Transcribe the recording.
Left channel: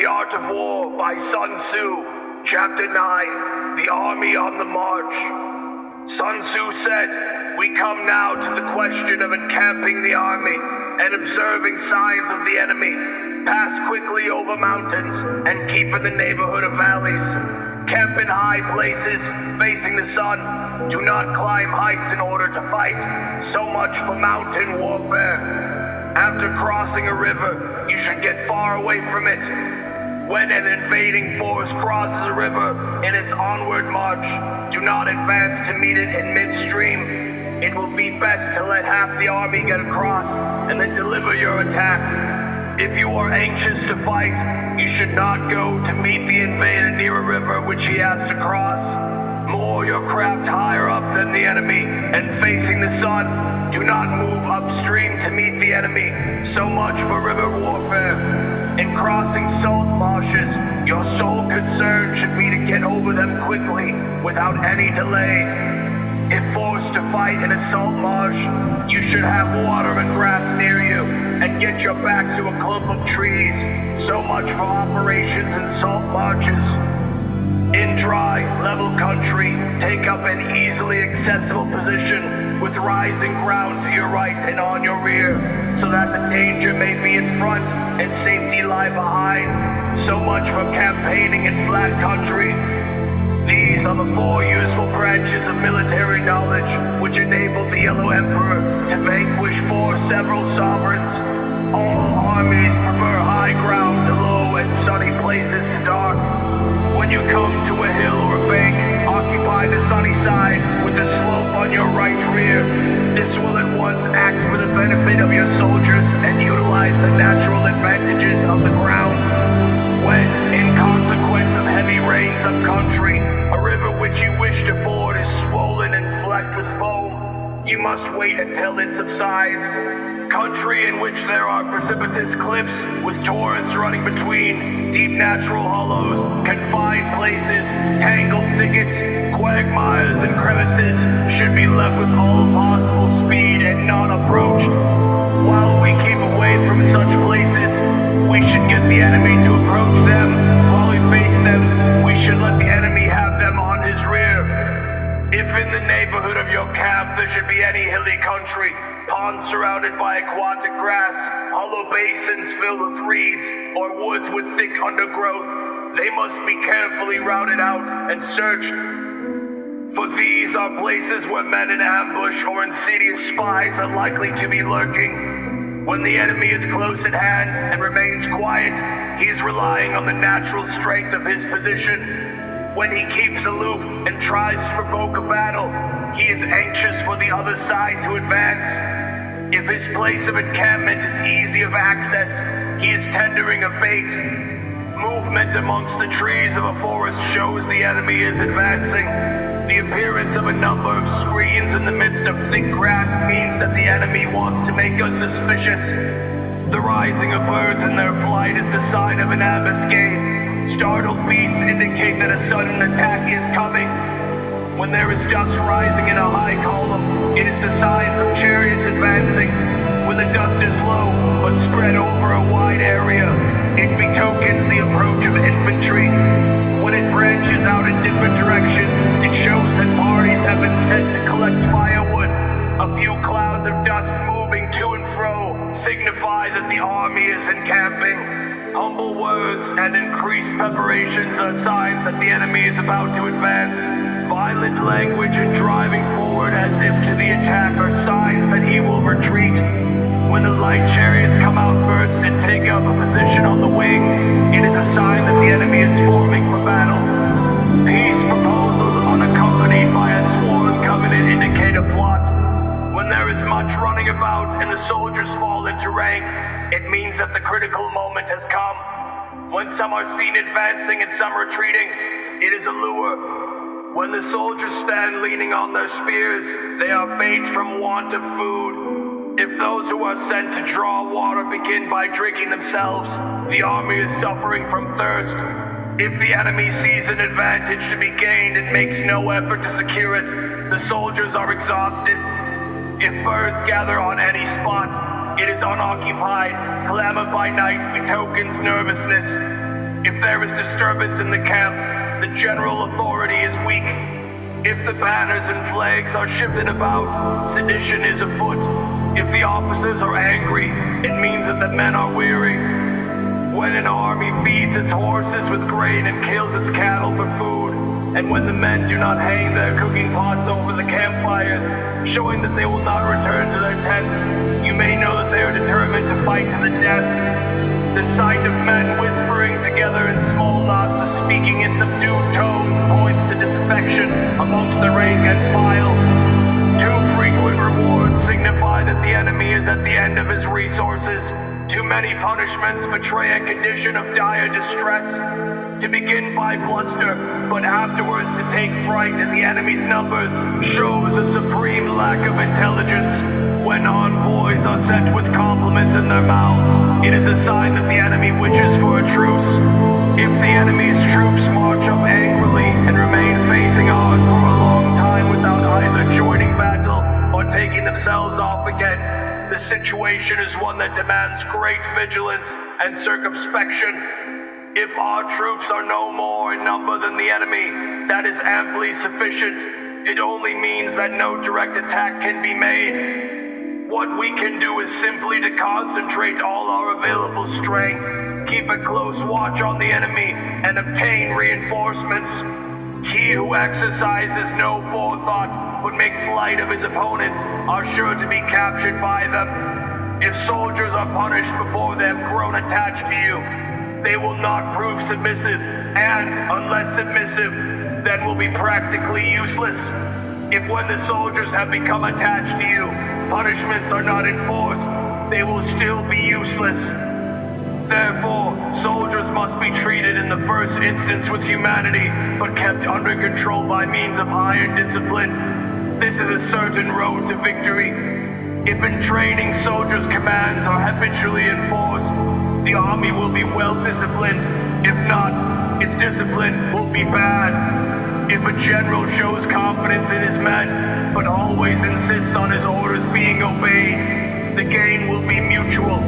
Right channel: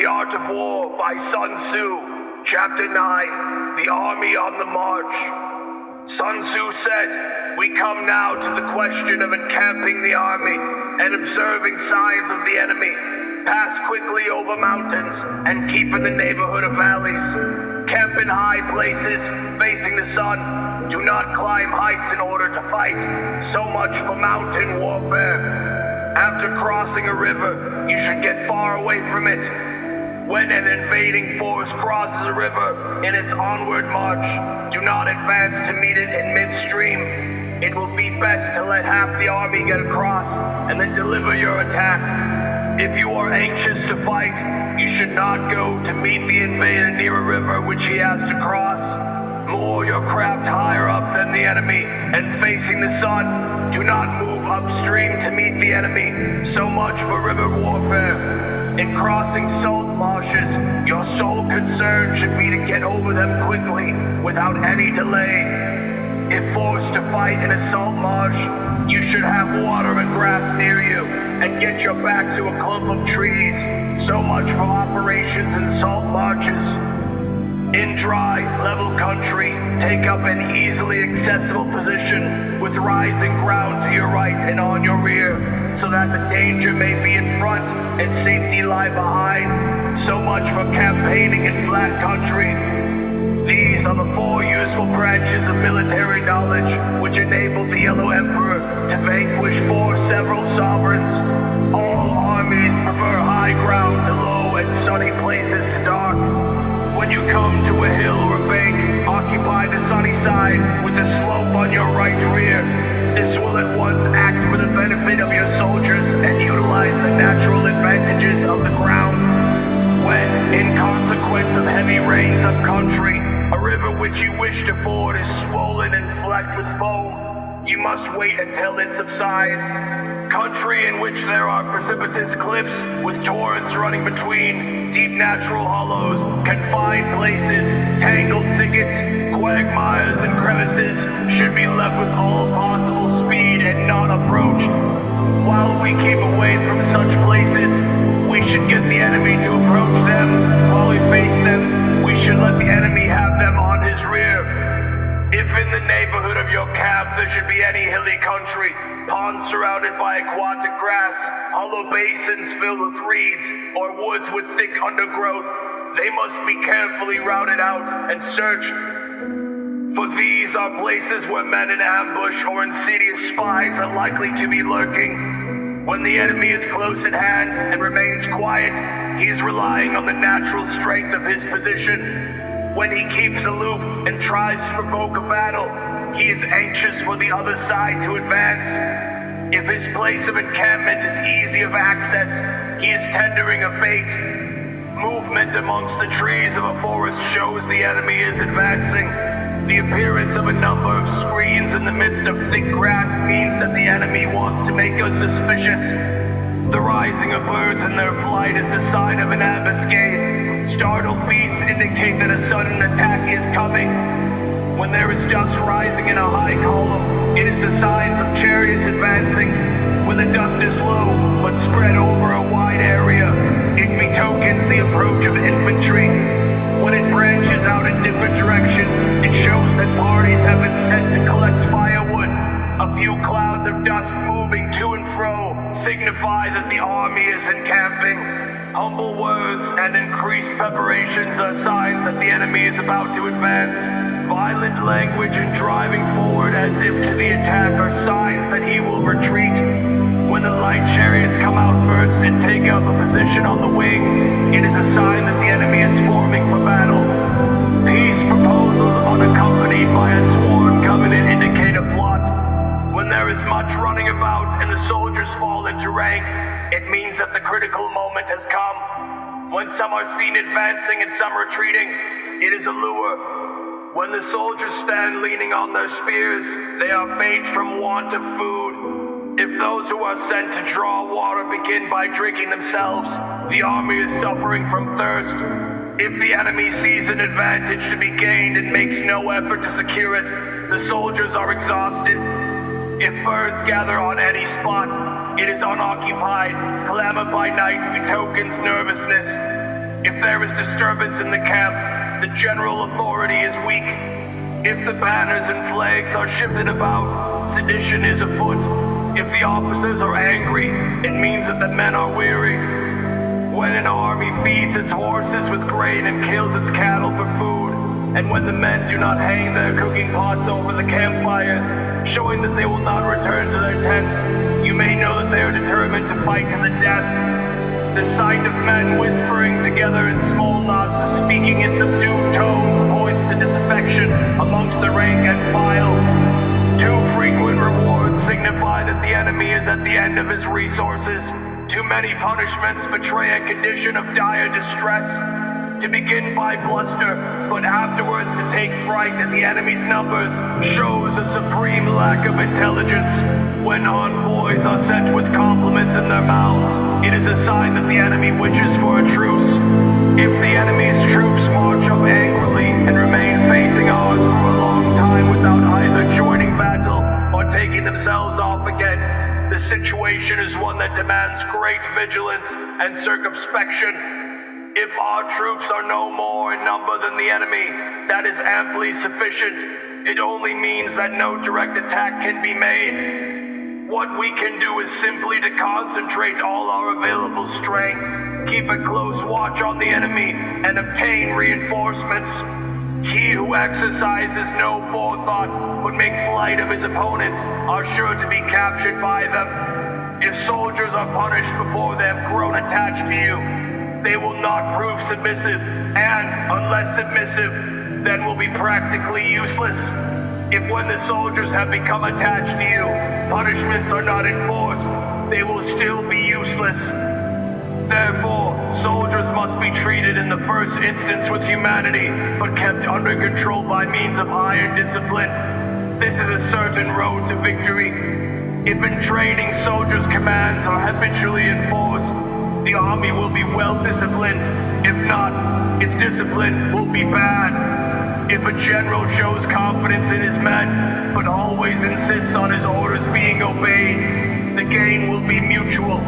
The Art of War by Sun Tzu, Chapter 9, The Army on the March. Sun Tzu said, "We come now to the question of encamping the army and observing signs of the enemy. Pass quickly over mountains and keep in the neighborhood of valleys. Camp in high places facing the sun. Do not climb heights in order to fight. So much for mountain warfare. After crossing a river, you should get far away from it. When an invading force crosses a river in its onward march, do not advance to meet it in midstream. It will be best to let half the army get across and then deliver your attack. If you are anxious to fight, you should not go to meet the invader near a river which he has to cross. Moor your craft higher up than the enemy and facing the sun. Do not move upstream to meet the enemy. So much for river warfare. In crossing salt marshes, your sole concern should be to get over them quickly, without any delay. If forced to fight in a salt marsh, you should have water and grass near you, and get your back to a clump of trees. So much for operations in salt marshes. In dry, level country, take up an easily accessible position, with rising ground to your right and on your rear, so that the danger may be in front and safety lie behind. So much for campaigning in flat country. These are the 4 useful branches of military knowledge which enabled the Yellow Emperor to vanquish 4 several sovereigns. All armies prefer high ground to low and sunny places to dark. When you come to a hill or a bank, occupy the sunny side with the slope on your right rear. This will at once act for the benefit of your soldiers and utilize the natural advantages of the ground. When, in consequence of heavy rains up country, a river which you wish to ford is swollen and flecked with foam, you must wait until it subsides. Country in which there are precipitous cliffs with torrents running between, deep natural hollows, confined places, tangled thickets, quagmires and crevices should be left with all possible speed and not approached. While we keep away from such places, we should get the enemy to approach them. While we face them, we should let the enemy have them on his rear. If in the neighborhood of your camp there should be any hilly country, ponds surrounded by aquatic grass, hollow basins filled with reeds, or woods with thick undergrowth, they must be carefully routed out and searched. For these are places where men in ambush or insidious spies are likely to be lurking. When the enemy is close at hand and remains quiet, he is relying on the natural strength of his position. When he keeps aloof and tries to provoke a battle, he is anxious for the other side to advance. If his place of encampment is easy of access, he is tendering a bait. Movement amongst the trees of a forest shows the enemy is advancing. The appearance of a number of screens in the midst of thick grass means that the enemy wants to make us suspicious. The rising of birds in their flight is the sign of an ambuscade. Startled beasts indicate that a sudden attack is coming. When there is dust rising in a high column, it is the signs of chariots advancing. When the dust is low, but spread over a wide area, it betokens the approach of infantry. When it branches out in different directions, it shows that parties have been sent to collect firewood. A few clouds of dust moving to and fro signify that the army is encamping. Humble words and increased preparations are signs that the enemy is about to advance. Violent language and driving forward as if to the attack are signs that he will retreat. When the light chariots come out first and take up a position on the wing, it is a sign that the enemy is forming for battle. Peace proposals unaccompanied by a sworn covenant indicate a plot. When there is much running about and the soldiers fall into rank, it means that the critical moment has come. When some are seen advancing and some retreating, it is a lure. When the soldiers stand leaning on their spears, they are faint from want of food. If those who are sent to draw water begin by drinking themselves, the army is suffering from thirst. If the enemy sees an advantage to be gained and makes no effort to secure it, the soldiers are exhausted. If birds gather on any spot, it is unoccupied. Clamor by night betokens nervousness. If there is disturbance in the camp, the general authority is weak. If the banners and flags are shifted about, sedition is afoot. If the officers are angry, it means that the men are weary. When an army feeds its horses with grain and kills its cattle for food, and when the men do not hang their cooking pots over the campfires, showing that they will not return to their tents, you may know that they are determined to fight to the death. The sight of men whispering together in small knots, speaking in subdued tones, points to disaffection amongst the rank and file. Too frequent rewards signify that the enemy is at the end of his resources. Too many punishments betray a condition of dire distress. To begin by bluster, but afterwards to take fright at the enemy's numbers, shows a supreme lack of intelligence. When envoys are sent with compliments in their mouths, it is a sign that the enemy wishes for a truce. If the enemy's troops march up angrily and remain facing ours for a long time without either joining battle or taking themselves off again, the situation is one that demands great vigilance and circumspection. If our troops are no more in number than the enemy, that is amply sufficient. It only means that no direct attack can be made. What we can do is simply to concentrate all our available strength, keep a close watch on the enemy, and obtain reinforcements. He who exercises no forethought but makes light of his opponents are sure to be captured by them. If soldiers are punished before they have grown attached to you, they will not prove submissive, and, unless submissive, then will be practically useless. If when the soldiers have become attached to you, punishments are not enforced, they will still be useless. Therefore, soldiers must be treated in the first instance with humanity, but kept under control by means of iron discipline. This is a certain road to victory. If in training soldiers' commands are habitually enforced, the army will be well disciplined. If not, its discipline will be bad. If a general shows confidence in his men, but always insists on his orders being obeyed, the gain will be mutual.